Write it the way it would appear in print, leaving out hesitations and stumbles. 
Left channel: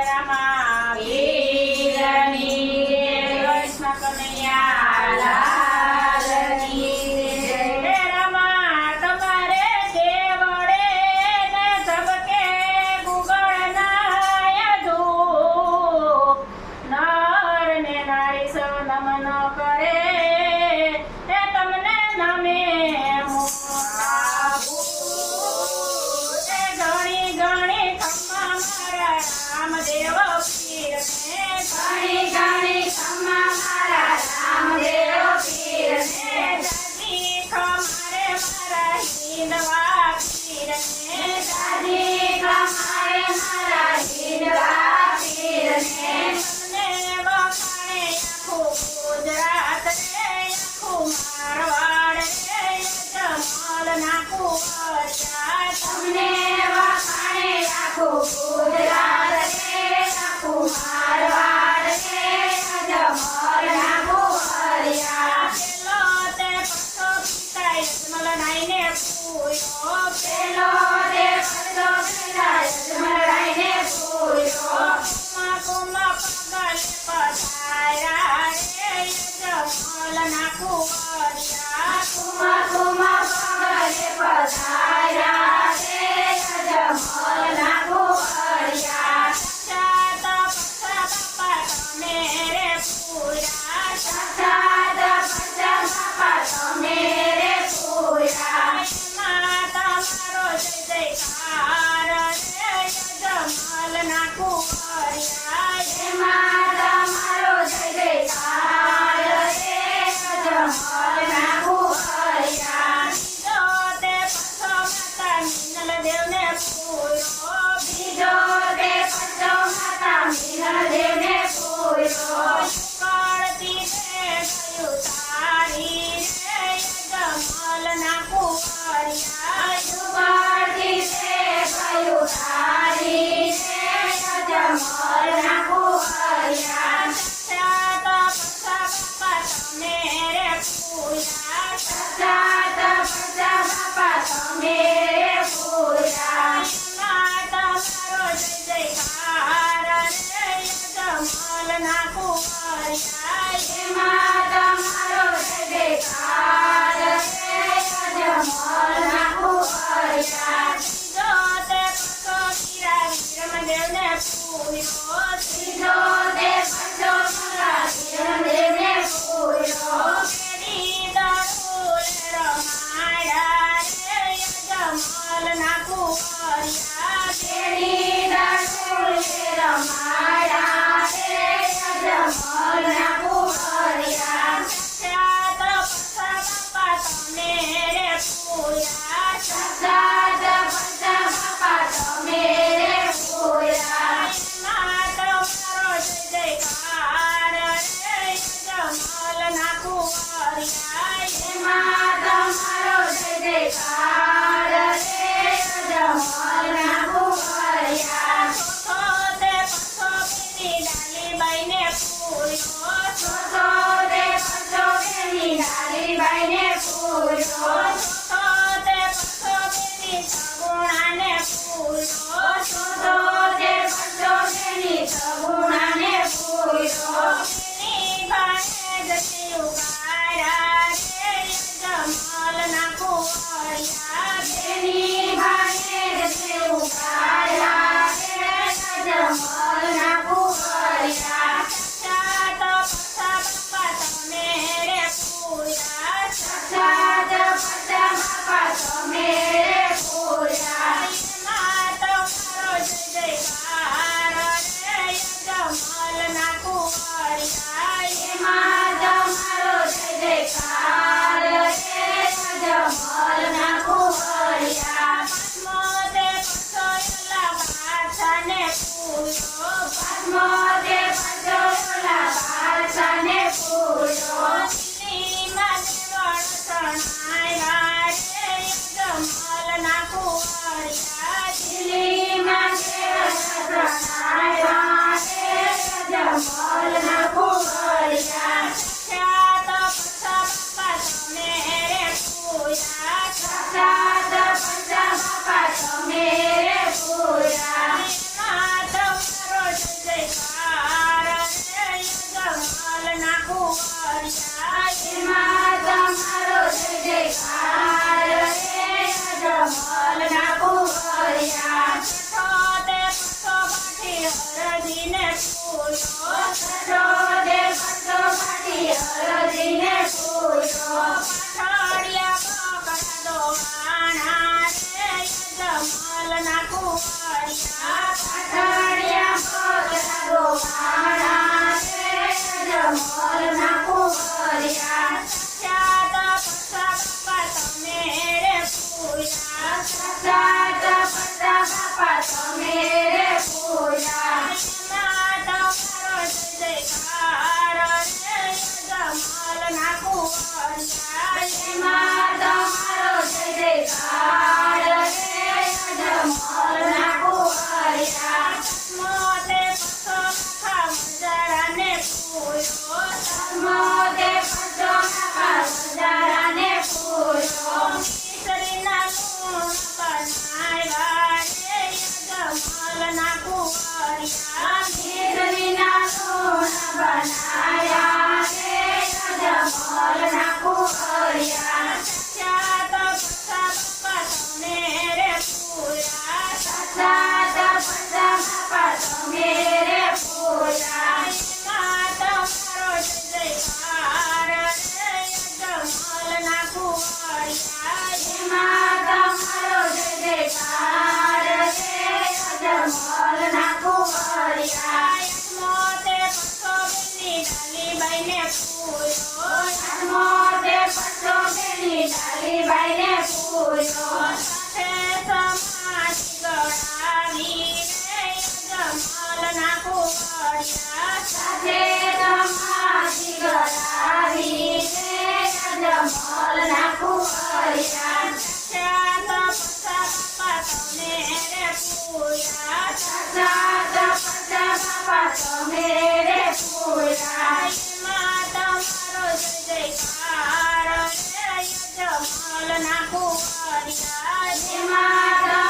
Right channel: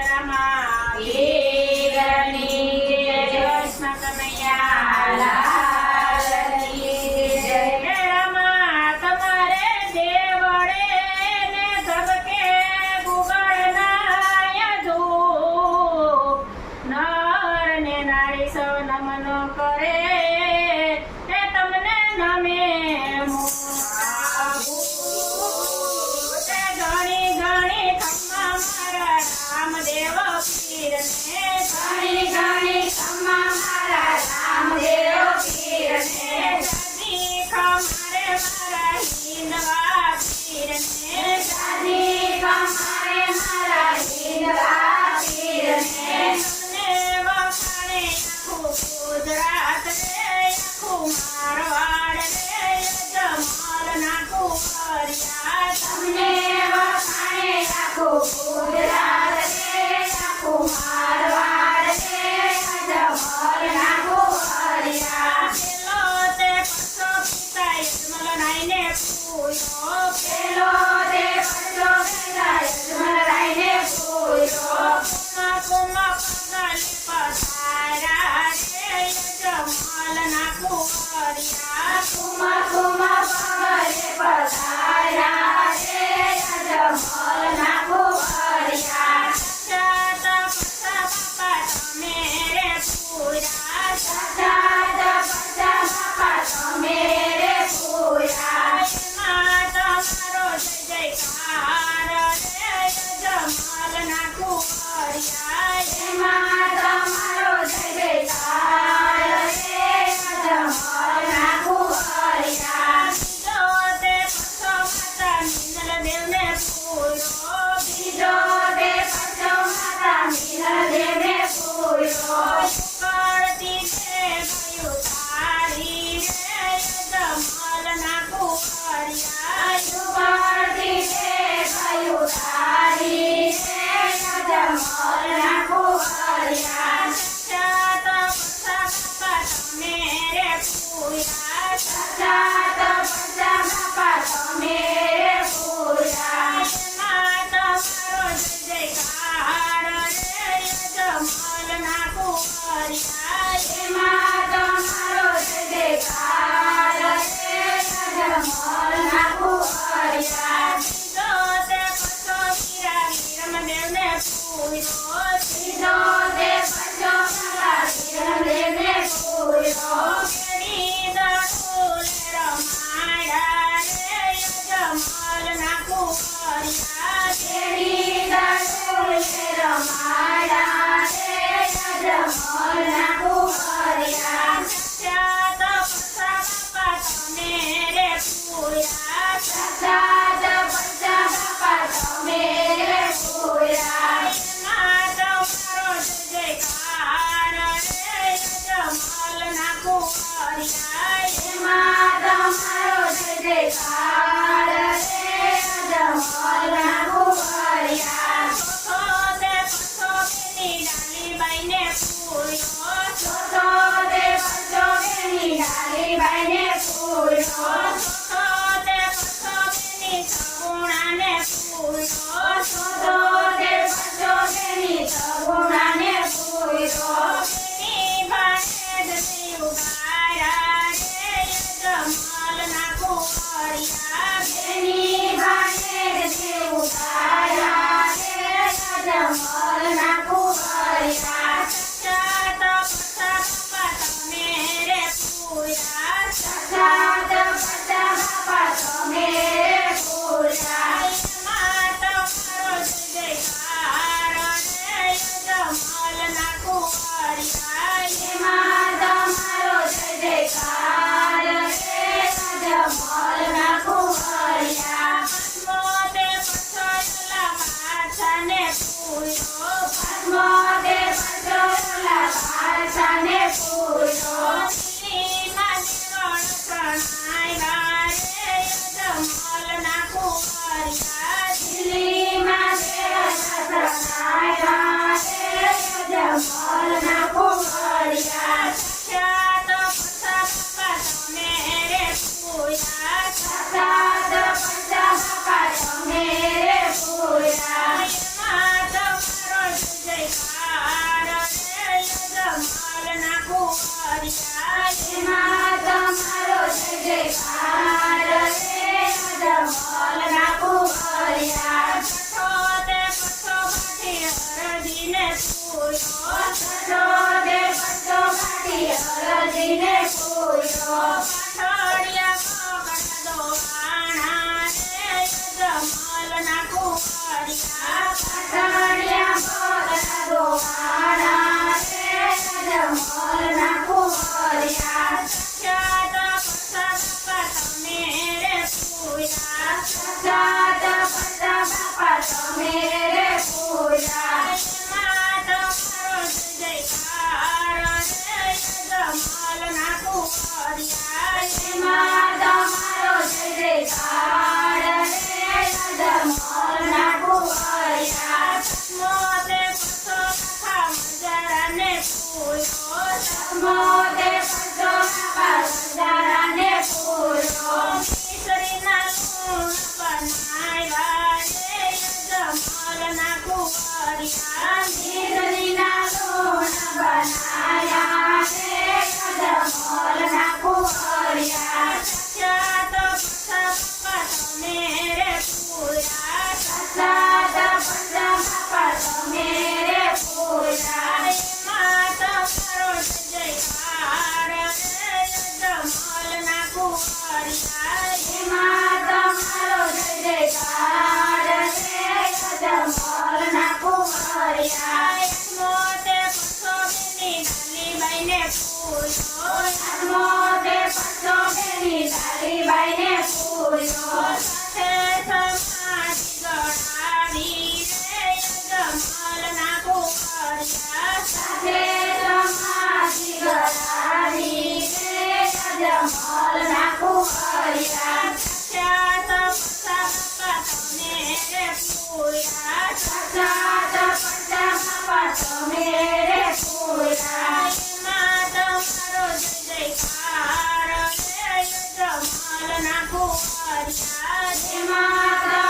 રમા વીરની જય કૃષ્ણ કનૈયા લાલની જય રમા તમારે દેવળે ને ધબકે ગુગળ નાયધુ નર ને નારી સૌ નમન કરે એ તમને નમે રામદેવ પીરને ઘણી ઘણી ખમ્મા મારા રામદેવ પીરને દાદી ખમારે મારા હિંદવા પીરને દાદી ખમારે મારા હિંદવા પીરને તમને વખાણે આખું ગુજરાત રે આખું મારવાડ રે જમલ ના કુંવરિયા તમને વખાણે આખું ગુજરાત કુંવરિયા મીઠડીના લોણ બનાયા રે યજમલના કુંવરિયા સાક્ષાત પછા બાપા તમે રે પૂરા સાક્ષાત પંચા બાપા તમે રે પૂરા એમાં તમારો જય જયકાર રે યજમલના કુંવરિયા એમાં તમારો જય જયકાર રે યજમલના કુંવરિયા મોતે પછો બેની ડાલીબાઈને પૂરો મોતે પછો બેની ડાલીબાઈને પૂર્યો સાથે સમાધિ ગણાવી રે યજમલના કુંવરિયા સાથે સમાધિ ગણાવી રે યજમલના કુંવરિયા સાક્ષાત પછા બાપા તમે રે પૂરા સાક્ષાત પંચા બાપા તમે રે પૂરા એમાં તમારો જય જયકાર રે યજમલના કુંવરિયા એમાં